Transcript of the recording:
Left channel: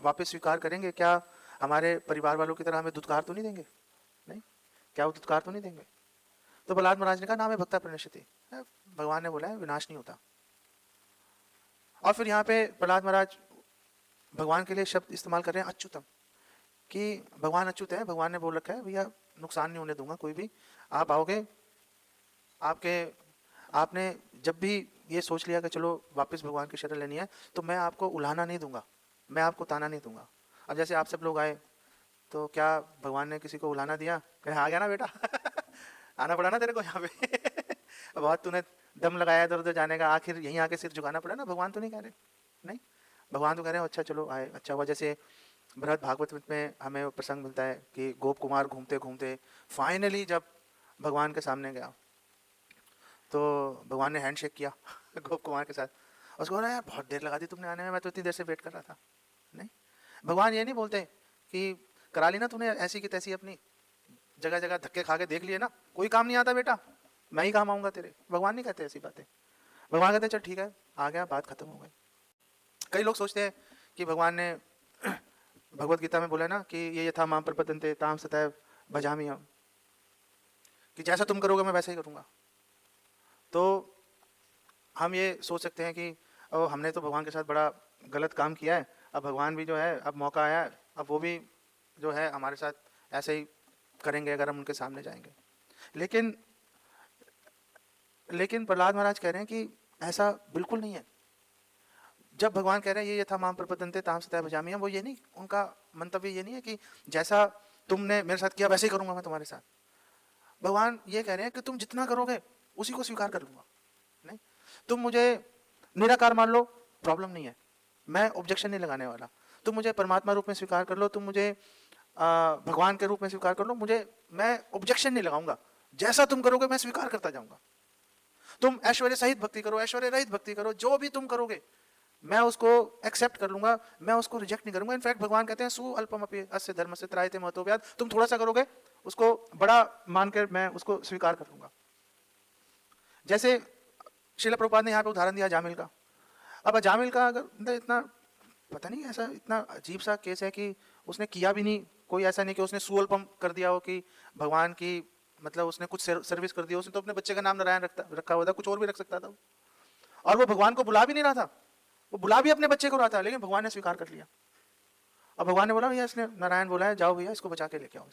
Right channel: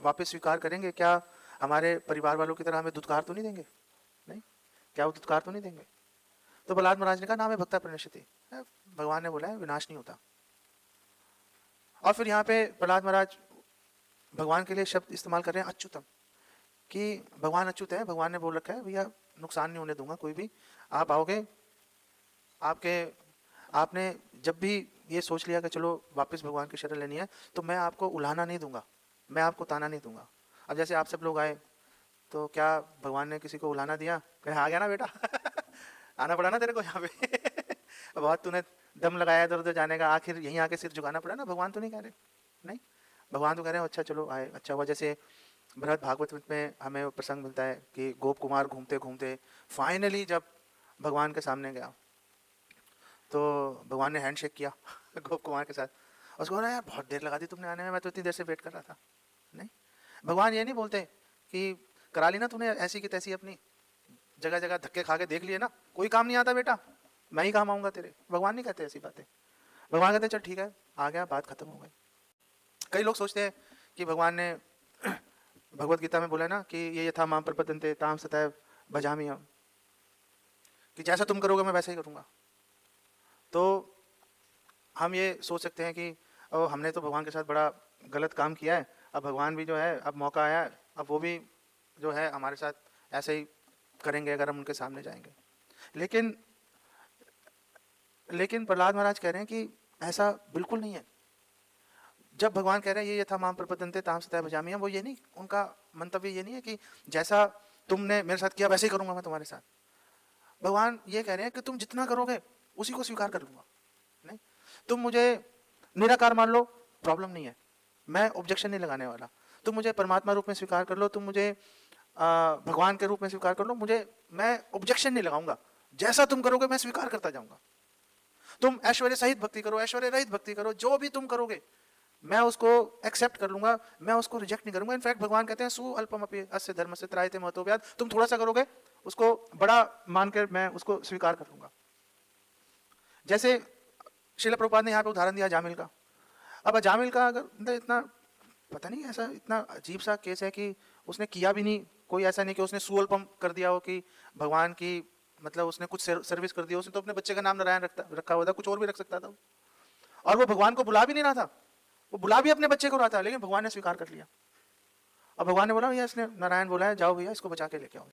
वापस स्वीकार करेंगे? क्या हमारे परिवार वालों की तरह हमें दुत्कार तो नहीं देंगे? नहीं, क्या वो दुत्कार तो नहीं देंगे? तो प्रहलाद महाराज ने कहा नाम है भक्ता प्रणश्यते, भगवान ने बोला है विनाश नहीं होता। और फिर यहाँ पे प्रहलाद महाराज भगवान के लिए शब्द इस्तेमाल कर रहे हैं अच्युतम, कि भगवान अच्युत है। भगवान ने बोल रखा है भैया नुकसान नहीं होने दूंगा कोई भी, आप आओगे, आपके आपने जब भी ये सोच लिया कि चलो वापस भगवान की शरण लेनी है, तो मैं आपको उलाना नहीं दूंगा, मैं आपको ताना नहीं दूंगा। अब जैसे आप सब लोग आए तो क्या भगवान ने किसी को उलाना दिया? कहे आ गया ना बेटा आना पड़ा ना तेरे को यहाँ पे बहुत तूने दम लगाया इधर उधर जाने का, आखिर यहीं आके सिर झुकाना पड़ा ना। भगवान तो नहीं कह रहे, नहीं, भगवान तो कह रहे हो अच्छा चलो आए, अच्छा हुआ। जैसे बृहद भागवत में हमें वो प्रसंग मिलता है कि गोप कुमार घूमते घूमते फाइनली जब भगवान के सामने गया तो भगवान ने हैंडशेक किया गोप कुमार के साथ, उसको बोला बहुत देर लगा दी तुमने आने में, मैं तो इतनी देर से वेट कर रहा था। नहीं, भगवान ये नहीं बोलते कि करा ली ना तूने ऐसी की तैसी, अपनी जगह जगह धक्के खा के देख लिए ना, कोई काम नहीं आता बेटा, मैं ही काम आऊंगा तेरे। भगवान नहीं कहते ऐसी बातें। भगवान कहते हैं चल ठीक है आ गया, बात खत्म हो गई। कई लोग सोचते हैं कि भगवान ने भगवत गीता में बोला ना कि ये यथा माम प्रपद्यन्ते ताम सतैव भजामि हम, कि जैसा तुम करोगे मैं वैसा ही करूँगा। तो हम ये सोच सकते हैं कि हमने तो भगवान के साथ बड़ा गलत काम किया है, अब भगवान भी जो है अब मौका आया है, अब वो भी जो है हमारे साथ ऐसे ही करेंगे अगर हम उनके सामने जाएंगे। लेकिन प्रहलाद महाराज कह रहे हैं कि ऐसा बिल्कुल नहीं है। जब भगवान कह रहे हैं ये था माम प्रपद्यन्ते ताम सतैव भजामि हम, वो ये नहीं, उनका मंतव्य ये नहीं है कि जैसा तुमने मेरे साथ किया वैसे ही करूंगा मैं तुम्हारे साथ। भगवान ये कह रहे हैं कि तुम जितना करोगे उसी को स्वीकार कर लूंगा। नहीं, तुम मुझे निराकार मान लो, प्रॉब्लम नहीं है, मैं ऑब्जेक्शन नहीं लगाने वाला। तुम मुझे परमात्मा रूप में स्वीकार कर लो, तुम मुझे भगवान के रूप में स्वीकार कर लो, मैं ऑब्जेक्शन नहीं लगाऊंगा, जैसा तुम करोगे मैं स्वीकार करता जाऊंगा। तुम ऐश्वर्य सहित भक्ति करो, ऐश्वर्य रहित भक्ति करो, जो भी तुम करोगे मैं उसको एक्सेप्ट कर लूंगा, मैं उसको रिजेक्ट नहीं करूंगा। इनफैक्ट भगवान कहते हैं सु अल्पमपि अस्य धर्मस्य त्रायते महतो व्याद, तुम थोड़ा सा करोगे उसको बड़ा मानकर मैं उसको स्वीकार कर लूंगा। जैसे श्रील प्रभुपाद ने यहाँ पे उदाहरण दिया जामिल का। अब जामिल का अगर इतना पता नहीं, ऐसा इतना अजीब सा केस है कि उसने किया भी नहीं, कोई ऐसा नहीं कि उसने सुअल्पम कर दिया हो कि भगवान की मतलब उसने कुछ सर्विस कर दिया। उसने तो अपने बच्चे का नाम नारायण रखा हुआ था, कुछ और भी रख सकता था। और वो भगवान को बुला भी नहीं रहा था, वो बुला भी अपने बच्चे को रहा था, लेकिन भगवान ने स्वीकार कर लिया। और भगवान ने बोला भैया इसने नारायण बोला है, जाओ भैया इसको बचा के लेके आओ।